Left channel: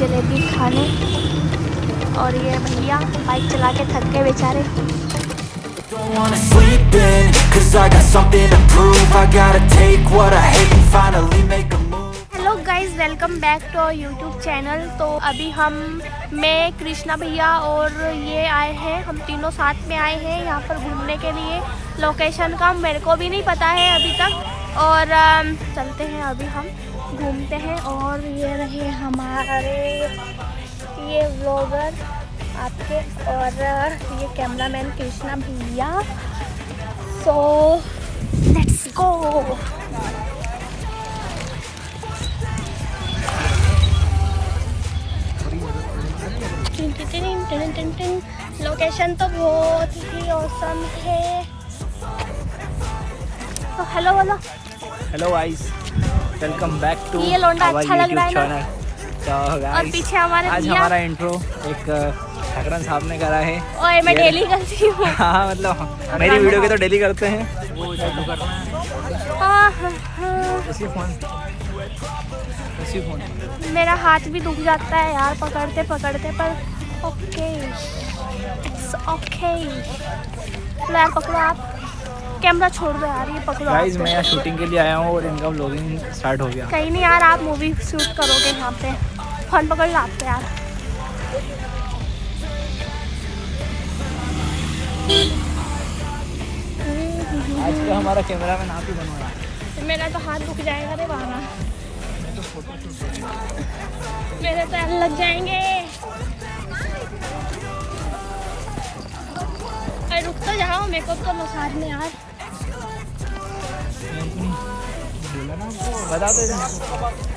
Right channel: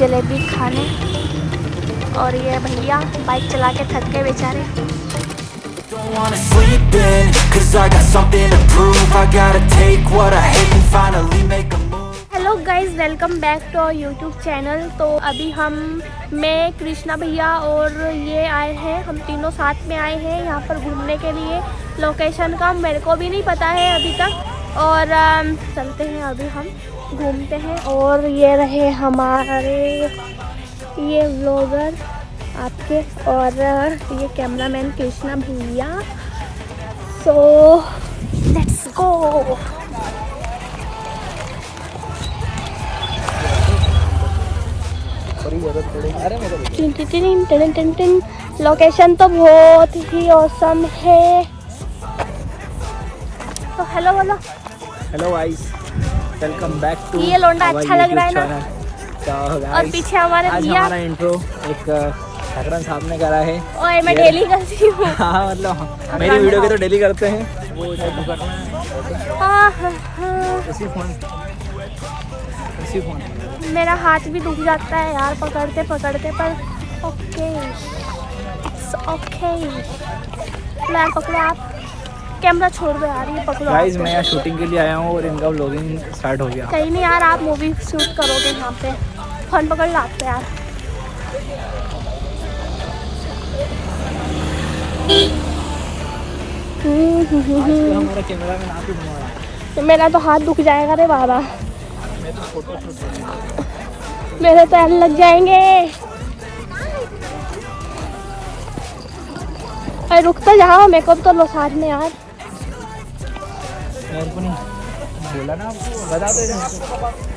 जलेबी खाने। और ये भैया बाइक चला के थक गए बेचारे। Don't wanna sleep in, 'cause I got something to prove. I gotta take what I hate and finally make a move. Hello guys, welcome back to our YouTube channel. तो अभी मैं कृष्णा भैया और ये आए हैं, हम तीनों साथ में आए हैं यहाँ पर घूमने के लिए। लोकेशन का मेरे को भी नहीं पता है अभी तक। और चलते हैं, अभी हम घूमते हैं। और ये रहे हमारे ये व्लॉगर आपके, और ये कैमरामैन कृष्णा भैया। So let's go. लोकेशन तो बहुत ही औसम है। तो हेलो बोलो। Hello guys, welcome back to ये लोंडा अच्छा लग रहा है ना। तो और गाइस, पीछे हमारे आज भैया। हमारा इंट्रो एक ठाकरन साहब ने करा है। ओए मैं डेली करती हूँ। हाँ, मतलब मेरी वीडियो के तो डेली करते हैं वो, जो करना है उसी फोन। मेरा हाथ भी दुख जाता है यार पकड़ते पकड़ते, पर ओके इट्स ओके। यार पकड़ो, आप कैमरा छोड़ दो यार, ये पकड़ो। गाइस, मैं यहाँ शूटिंग के लिए आया हूँ और इनका व्लॉगिंग स्टार्ट हो गया। कहीं नहीं यार, आप मूवी शूट करोगे यहाँ पे, फोन पकड़ लो आप यार। हमारा कैमरा मैन आप ही बनवा रहा है। मेरा तो हाथ दुख जाएगा रे बाबा, मैं तो फोटो शूट मेरे पैर लग जाएंगे। अरे रुक तो जाओ, मेकअप कर लो साथ में यार। मेरे को नहीं बोला ना आपको, बता दो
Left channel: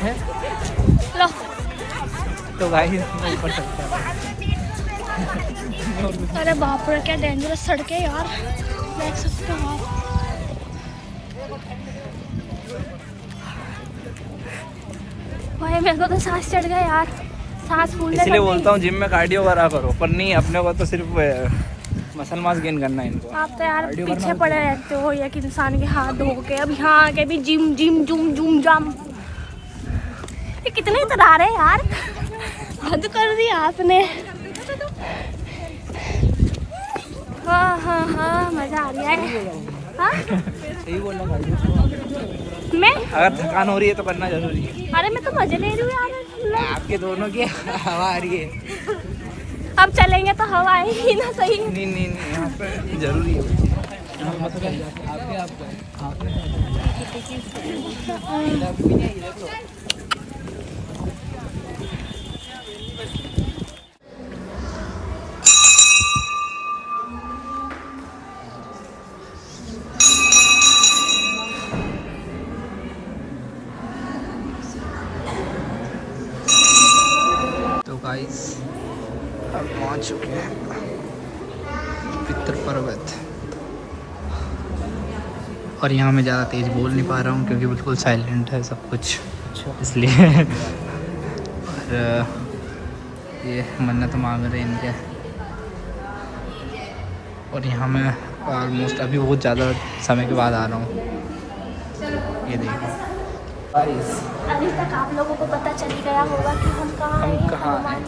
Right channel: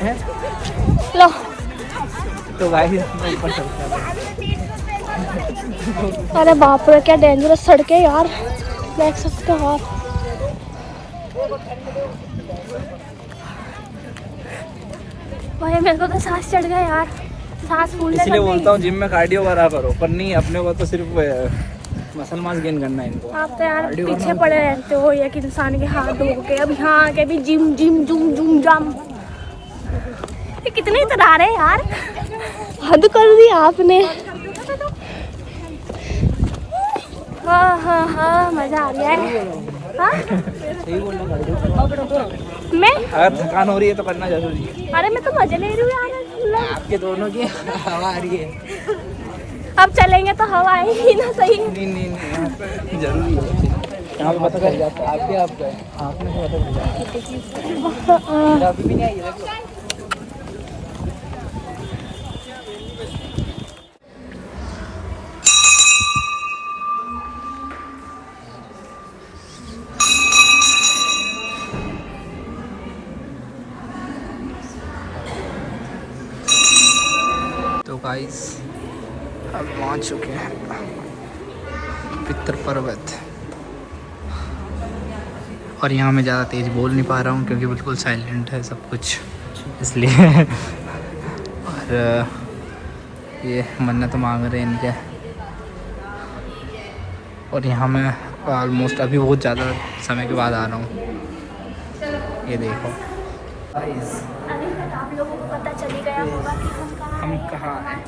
हैं। लो तो गाइस, मैं ऊपर चलता हूँ। अरे बाप रे, क्या डेंजरस सड़कें यार, देख सकते हो आप। भाई मेरे को तो सांस चढ़ गया यार, सांस फूलने लग इसलिए गई। बोलता हूँ जिम में कार्डियो करा करो, पर नहीं, अपने को तो सिर्फ मसल मास गेन करना है इनको। आप तो यार पीछे पड़े रहते हो एक इंसान के हाथ धो के। अब यहाँ आके भी जिम जिम जुम जुम जाम। ये कितने इतरा रहे यार, हद कर दी आपने। हाँ हाँ हाँ, मजा आ रहा है। हाँ सही बोलना, कार्डियो मैं, अगर थकान हो रही है तो करना जरूरी है। अरे मैं तो मजे ले रही हूँ यार। आपके दोनों की हवा आ रही है। अब चलेंगे तो हवा आएगी ना, सही। नहीं नहीं नहीं, यहाँ पे जरूरी है। यहाँ पे पता चल जाता है आपके, आप गए आपने से पता चल जाता है। आप भी नहीं आई, देख लो। तो गाइस, हम पहुंच चुके हैं पितर पर्वत। और यहाँ मैं ज़्यादा तेज़ बोल नहीं पा रहा हूँ क्योंकि बिल्कुल साइलेंट है सब कुछ, इसलिए। और ये मन्नत मांग रहे हैं इनके। और यहाँ मैं ऑलमोस्ट अभी बहुत ज़्यादा समय के बाद आ रहा हूँ। ये देखो गाइस, अभी तक आप लोगों को पता चल ही गया होगा कि हम कहाँ हैं।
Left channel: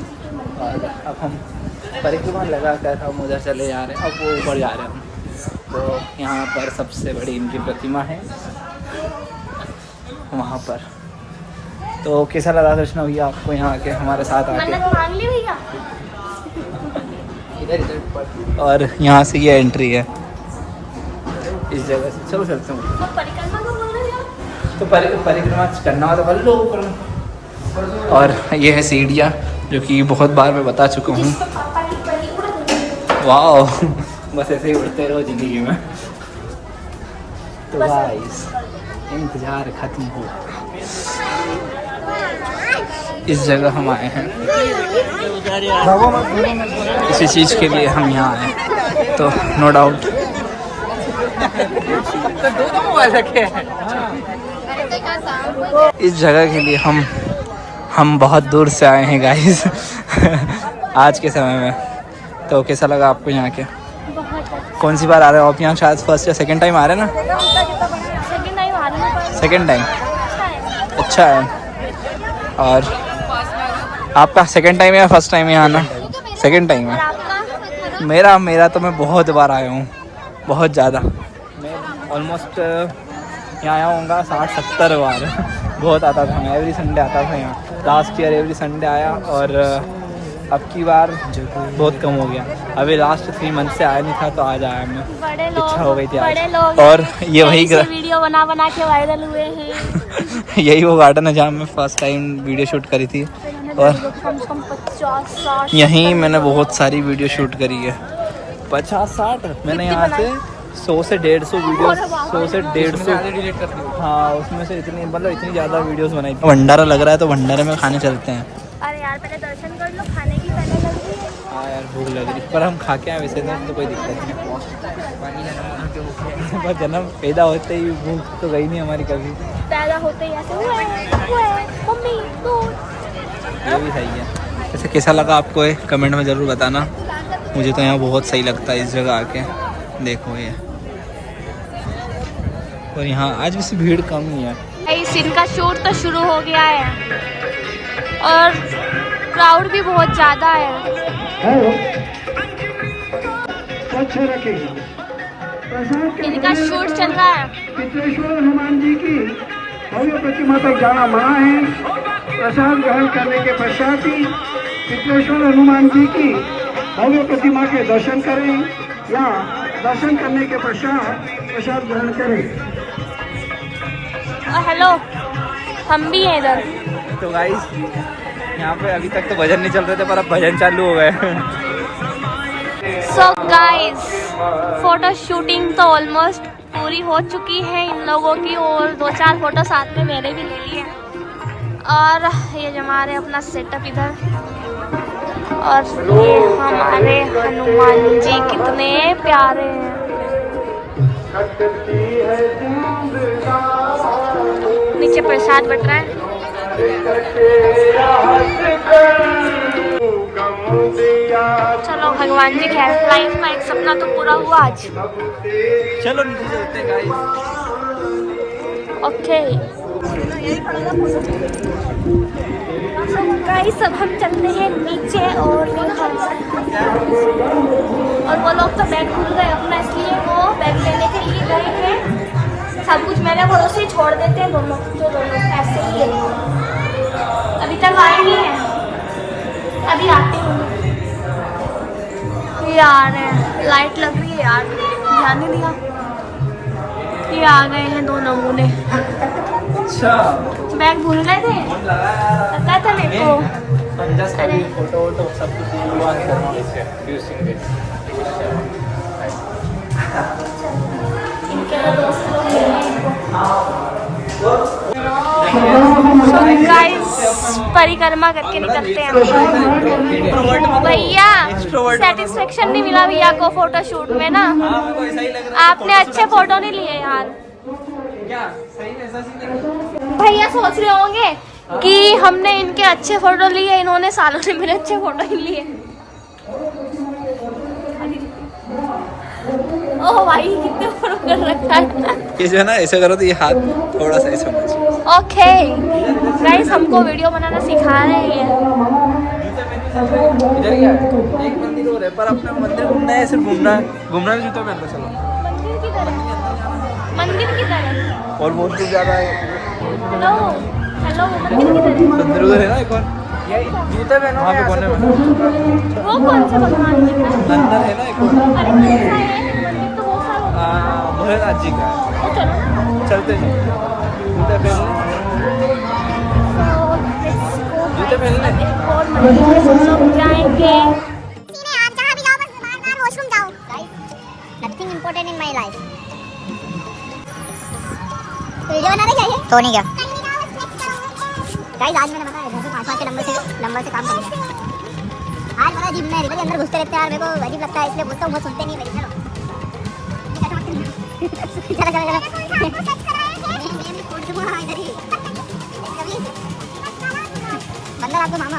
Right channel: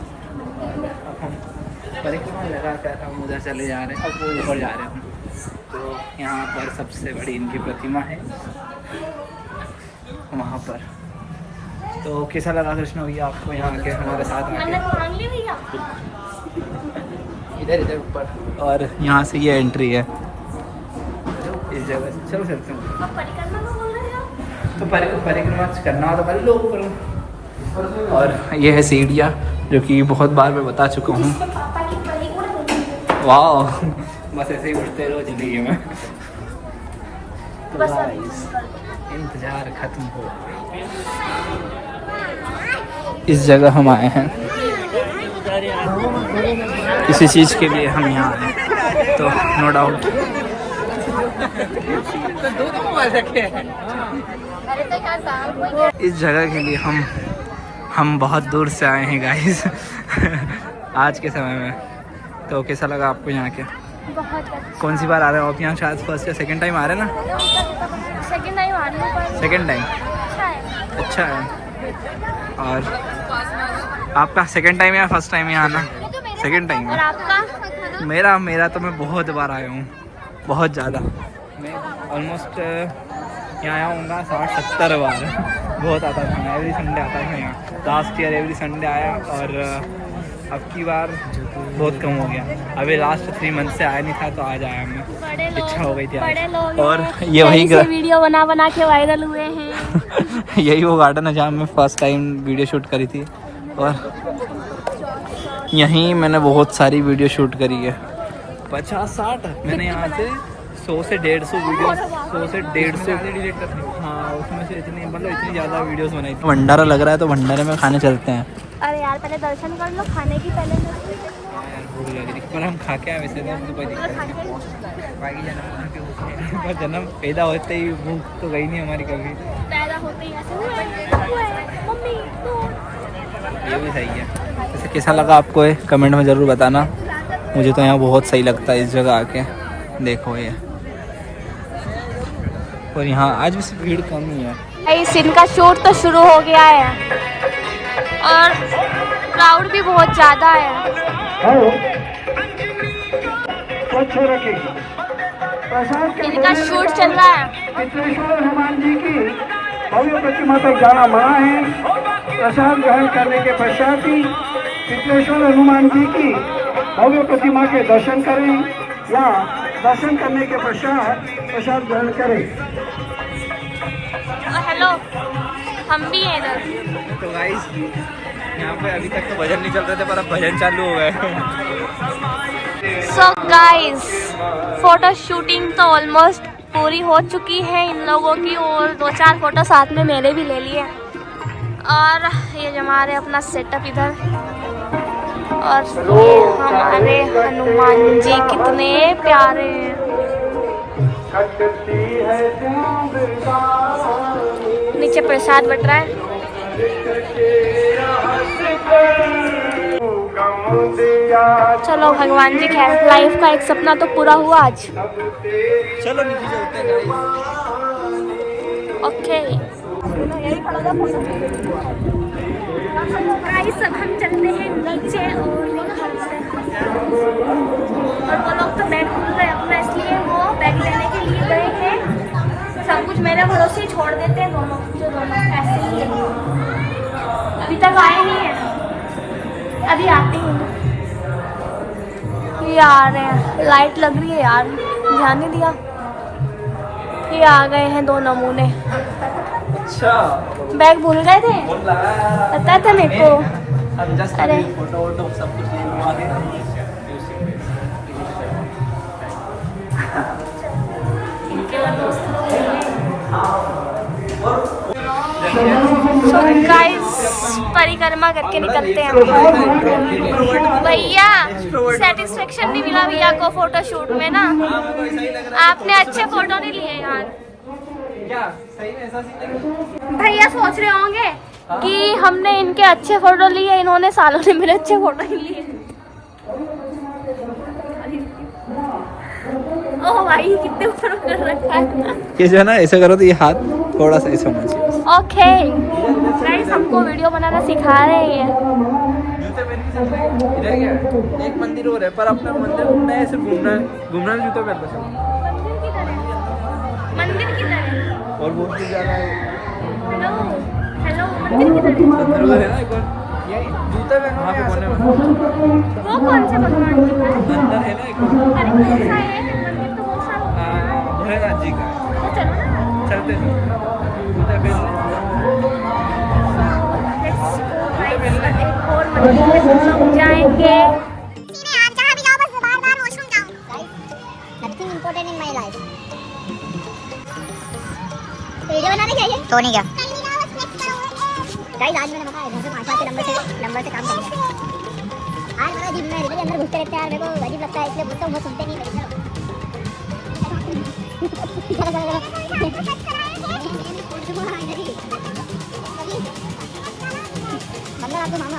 और अब हम परिक्रमा लगा कर हम उधर चले जा रहे हैं। अब वो ऊपर जा रहे हैं हम। तो यहाँ पर सबसे बड़ी इनकी प्रतिमा है वहाँ पर। तो कैसा लगा कृष्णा भैया आपको यहाँ आके, हमारे साथ आके? इधर इधर ऊपर। और यहाँ से ये एंट्री है इस जगह से। चलो चलते हैं। तो परिक्रमा करना हो तो कर लो ऊपर। और ये है सीढ़ियाँ, जो कि बहुत बार मैं बता चुका हूँ। वाह, बस ऐसे ही उड़ते रहो जिंदगी में। तो गाइस, इंतजार खत्म हो, इस जगह हम आए हैं। किसी चीज़ के लिए हम यहाँ आए, तो नो डाउट इस जगह के लिए हम बहुत दूर से आए हैं गाइस। आज के समय में। तो कैसा लगा आपको यहाँ के? बहुत अच्छा। कौन सी बार आ रहे हो आप यहाँ? शायद फर्स्ट या सेकंड टाइम आ रहे हैं ना? सेकंड टाइम आ रही हूँ, पर सेकंड टाइम अच्छा है। अच्छा है। और आपका सेकंड टाइम है या फर्स्ट टाइम है आना? सेकंड टाइम है। मेरा तो मैं बहुत बार आया हूँ, बहुत ज़्यादा। मैं ऑलमोस्ट यहाँ आया होऊंगा 60-70 बार। बहुत आता था मैं, एवरी संडे आता था यहाँ। लास्ट ईयर एवरी संडे आया और अब की बार बहुत कम हो गया। अभी लास्ट 3 मंथ से आया नहीं था तो आज आया मैं, इच्छा हो गई थी आज। और ये वही वीडियो बना के वायरल हुए हैं। यही वो गार्डन है जहाँ मैं फर्स्ट टाइम वीडियो शूट करी थी और यहीं मैंने बहुत सारी वीडियो शूट करी है। 50-60 मैंने यहाँ से 100 से 150 वीडियो, 100 से 150, हाँ उसमें से इतनी मतलब इतनी ज़्यादा वीडियोस बनाई थी। भंडारा लग रहा है तो भंडारे में खाने चलते हैं। अरे यार पहले दर्शन कर लो, खाने की पहले लग रही है। हाँ यार भूख लग रही, पर हम खा के आए वैसे तो कोई दिक्कत नहीं। बाकी जन्म पैदा होते ही भूख तो गई नहीं हमारी कभी। पैदा होते ही ऐसे हुए, मम्मी दूध। ये भी सही है। वैसे कैसा लगा आपको ये कमेंट में ज़रूर बताना। मुझे तो यहाँ बहुत सही लगता है इस जगह आके। देखो ये, और यहाँ आज वैसे भीड़ कम ही है। इस सीन का शूट तो शुरू हो गया है और क्राउड भी बहुत ज़्यादा है। इनका शूट चल रहा है। प्रतिमा तक जाना मना है। प्रसाद ग्रहण करने के पश्चात ही विश्वेश्वर हनुमान जी की भव्य प्रतिमा के दर्शन करें या दर्शन करने के पश्चात प्रसाद ग्रहण करें। हेलो, हम भी हैं इधर। तो गाइस यहाँ पे अभी तक तो भजन नहीं चल रहे थे पर अब भजन चालू हो गए। सो गाइस, फोटो शूटिंग तो ऑलमोस्ट पूरी हो चुकी है इन लोगों की और 2-4 फोटो साथ में मैंने भी ले लिए। और ये हमारे अपना सेटअप इधर, और ये हमारे हनुमान जी कितने प्यारे हैं। नीचे प्रसाद बट रहा है। चलो भगवान जी खैर, लाइफ का एक सपना तो पूरा हुआ आज। चलो नीचे चलते हैं गाइस। ओके गाइस, अब हम चलते हैं नीचे और वो लोग तो बैग भूल गए अपना, इसलिए वो बैग लेने के लिए गए हैं। सब कुछ मेरे भरोसे छोड़ देते हैं दोनों ऐसे ही है। अभी तक आए नहीं है, अभी आते हैं। ये आ रहे हैं, लाइट लग रही है यार, ध्यान नहीं दिया। ये आ गए हैं 2 नमूने। बैग भूल गए थे, पता था मेरे को। अरे फोटो वोटो सब कुछ हुआ है। गाइस परिक्रमा करके निकलते हैं भैया। सेटिस्फेक्शन नहीं मिला भैया को फोटो शूट में ना। आपने अच्छे फोटो नहीं लिए यार। भैया सोच रहे होंगे कि हमने इनके अच्छे फोटो लिए, इन्होंने सालों से मेरे अच्छे फोटो नहीं लिए। ओह भाई कितने फोटो कर रखा है। कैसे ना ऐसे करो तो ये हाथ थोड़ा सा ऐसा। ओके गाइस, हमको वीडियो बनाना सिखा रहे हैं। इधर क्या है? एक मंदिर और है पर अपना मंदिर घूमना है, सिर्फ घूमना है। जूते पहन के चलो। मंदिर किधर है? मंदिर किधर है? और मूर्ति ज़्यादा है। हेलो हेलो, मंदिर किधर है? मंदिर उधर है ना एक और। जूते पहनो वहाँ पे कोने में। वो कौन से भगवान जी का है? अंदर है ना एक और। अरे कैसा है मंदिर? तो बहुत सारा होता है। हाँ भोलेनाथ जी का है। तो चलो ना, चलते हैं। जूते पहनो। तो लेट्स गो गाइस, अब एक और मंदिर में हम लोग जाएंगे। Nothing important in my life. Video बनाने क्या है? तो नहीं क्या? गाइस आज मैंने बताया घर से 5 के नंबर से काम करूंगा। आज मेरा जिम में रिवर के अंदर घुसते रहते हैं यार, मेरे को अजीब लगता है इसलिए बोलता हूँ, वो सुनते नहीं मेरी। चलो अंदर आपको मामा